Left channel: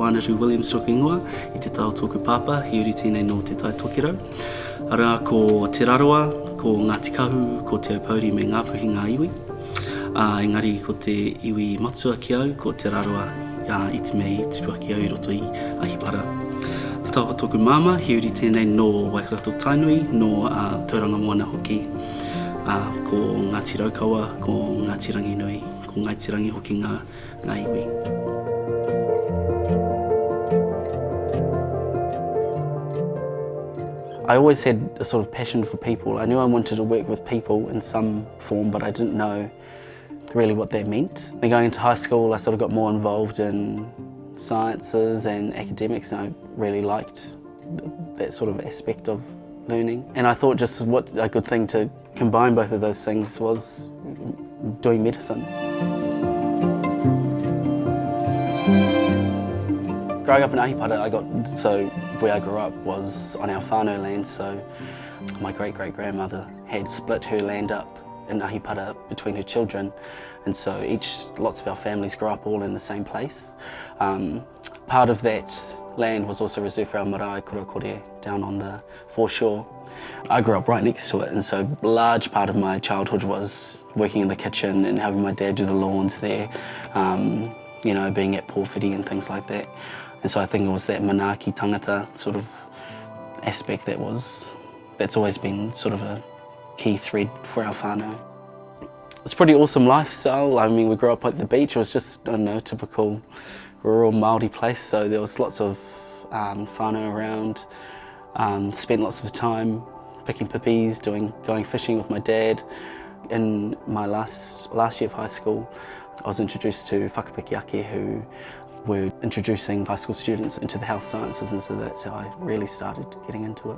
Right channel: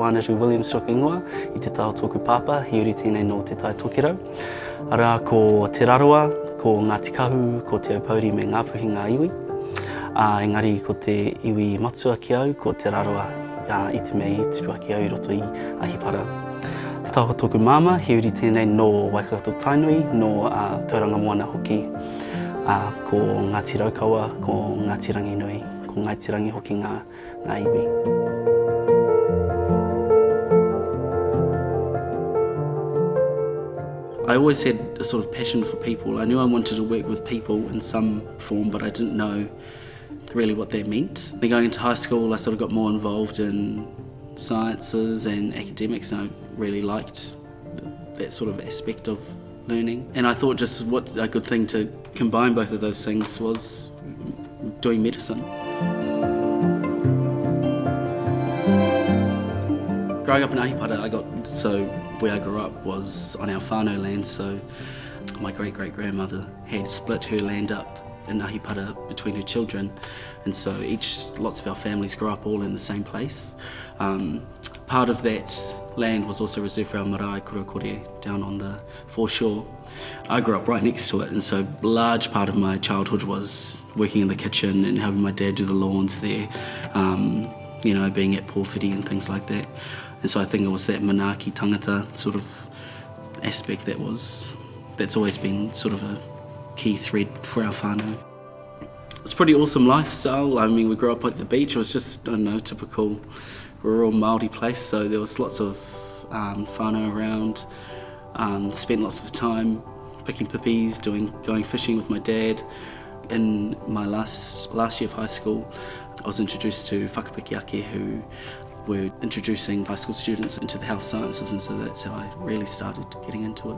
ko Anaru Williams toku ingoa, I te tao tōku pāpā, he uri tēnei no te tai tokirau. Ara ko te raroa, ko Ngāti Kahu, ko te Aupauri me Ngāpuhi ngā iwi. Engari ko te iwi matua ki au, ko te raroa I te mea I tipua ki au I roto I ahipara. Te tau tōku māma, he uri tēnei no Waikato Tainui, no Tauranga Moana hoki, ko Ngāti Raukawa, ko Ngāti Rangi Nui, ko Ngāti Rangi hoki ngā iwi. I always had a sort of passion for people. I knew I wanted to work with people in some form, but I didn't know really what that meant. Then going into high school, I sort of got more involved in sciences and academics, and I really liked that sort of aspect of learning. And I thought just what a good thing to combine both of those things was doing medicine. Growing up in Ahipara, where I grew up was on our whānau land, so my great-great-grandmother had split her land up in Ahipara between her children, and so lots of our families grew up all in the same place. Part of that land was also reserved for our marae kurokore down on the foreshore. I grew up right next to it, and so a large part of my childhood was working in the kitchen and helping my dad do the lawns there, you know, being at Pōwhiri and things like that. And so I think it was that manaaki tangata sort of aspect that's always been sort of a key thread for our whānau. It's a pretty awesome lifestyle. I mean, we grew up at the beach. It was just, I don't know, typical rural Māori place, so there was lots of whānau around. Spent lots of time picking pippies, going fishing with my dad. In my last year of high school, I was introduced to Whakapiki Ake, who were introducing high school students into the health sciences, and so that's how I really started getting into it.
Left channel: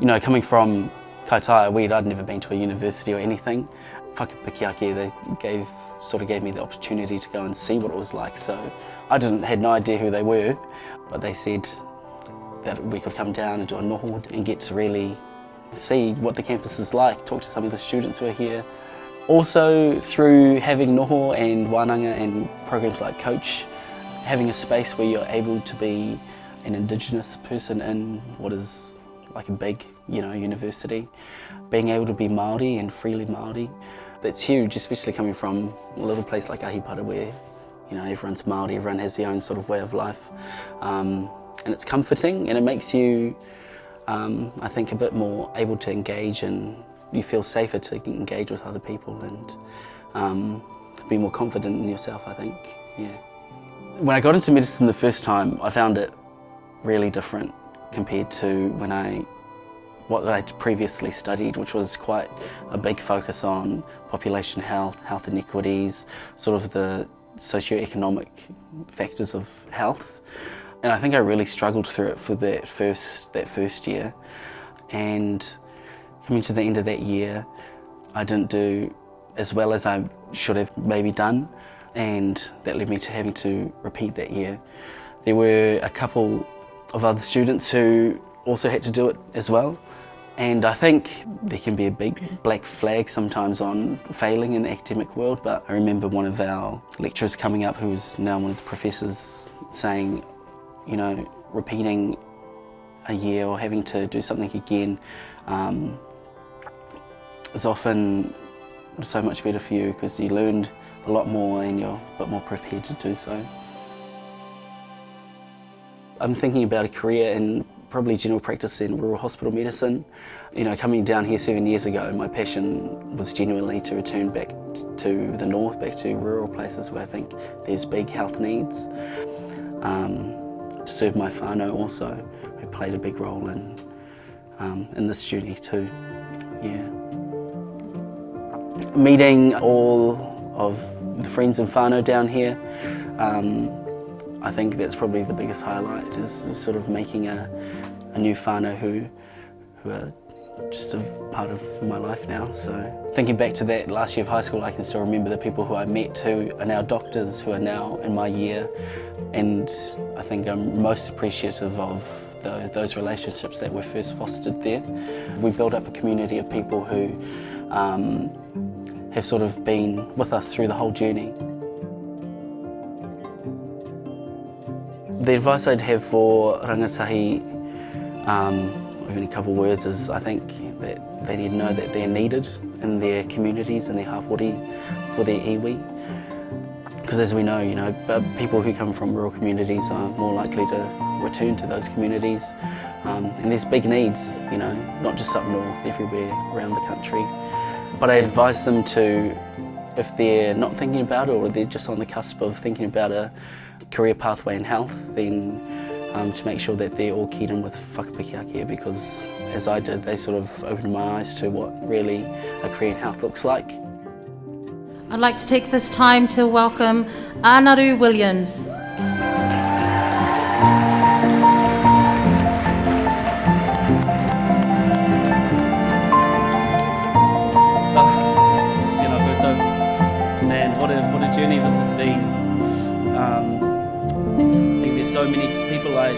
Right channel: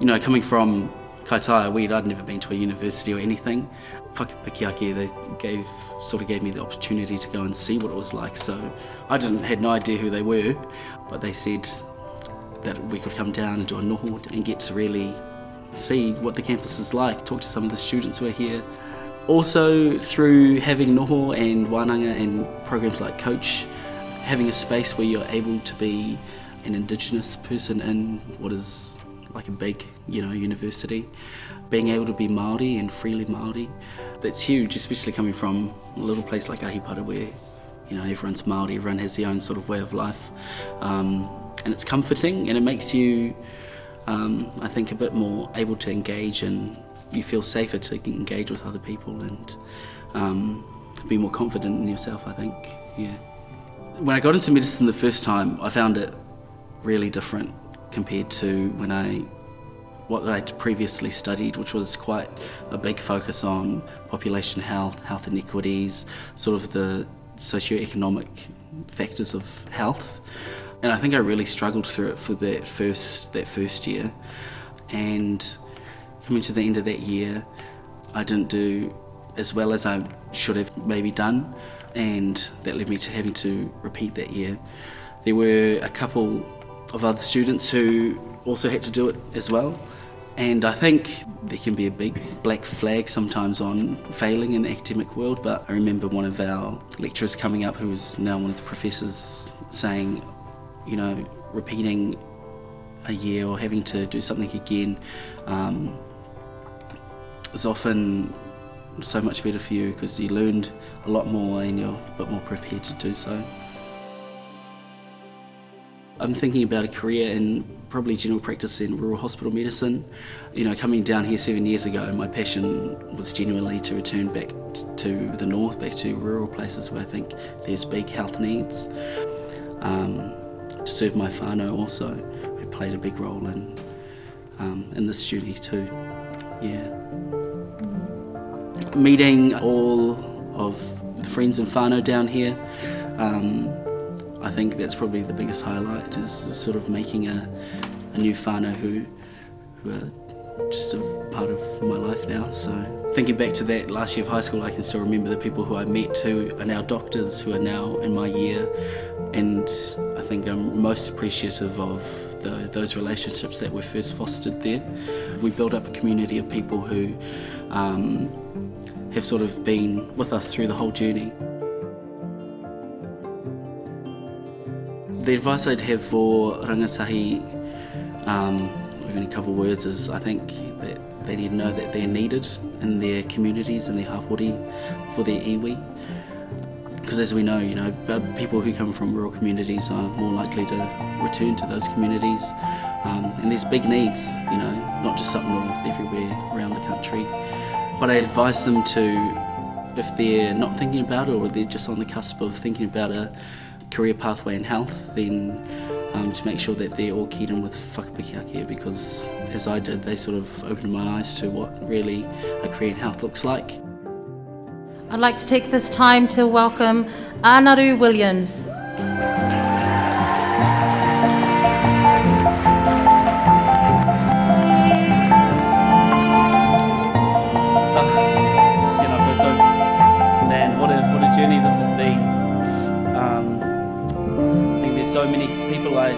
You know, coming from Kaitaia, I'd never been to a university or anything. Whakapiki Ake, they sort of gave me the opportunity to go and see what it was like, so I had no idea who they were, but they said that we could come down and do a noho and get to really see what the campus is like, talk to some of the students who are here. Also, through having noho and wānanga and programs like Coach, having a space where you're able to be an Indigenous person in what is like a big, you know, university, being able to be Māori and freely Māori, that's huge, especially coming from a little place like Ahipara where, you know, everyone's Māori, everyone has their own sort of way of life. And it's comforting, and it makes you, I think, a bit more able to engage, and you feel safer to engage with other people and be more confident in yourself, I think, yeah. When I got into medicine the first time, I found it really different compared to what I'd previously studied, which was quite a big focus on population health, health inequities, sort of the socioeconomic factors of health. And I think I really struggled through it for that first year. And coming to the end of that year, I didn't do as well as I should have maybe done, and that led me to having to repeat that year. There were a couple of other students who also had to do it as well, and I think there can be a big black flag sometimes on failing in the academic world, but I remember one of our lecturers coming up, who was now one of the professors, saying, you know, repeating a year or having to do something again is often so much better for you because you learned a lot more and you're a lot more prepared to do so. I'm thinking about a career in probably general practice in rural hospital medicine. You know, coming down here 7 years ago, my passion was genuinely to return back to the north, back to rural places where I think there's big health needs. To serve my whānau also, who played a big role in this journey too, yeah. Meeting all of the friends and whānau down here, I think that's probably the biggest highlight, is sort of making a new whānau who are just a part of my life now. So thinking back to that last year of high school, I can still remember the people who I met who are now doctors, who are now in my year, and I think I'm most appreciative of those relationships that were first fostered there. We built up a community of people who have sort of been with us through the whole journey. The advice I'd have for rangatahi, within a couple of words, is I think that they need to know that they're needed in their communities and their hapori for their iwi. Because as we know, people who come from rural communities are more likely to return to those communities. And there's big needs, not just up north, everywhere around the country. But I advise them to, if they're not thinking about it or they're just on the cusp of thinking about a career pathway in health, then to make sure that they're all keyed in with Whakapiki Ake, because as I did, they sort of opened my eyes to what really a career in health looks like. I'd like to take this time to welcome Anaru Williams. Man, what a journey this has been. I think there's so many people I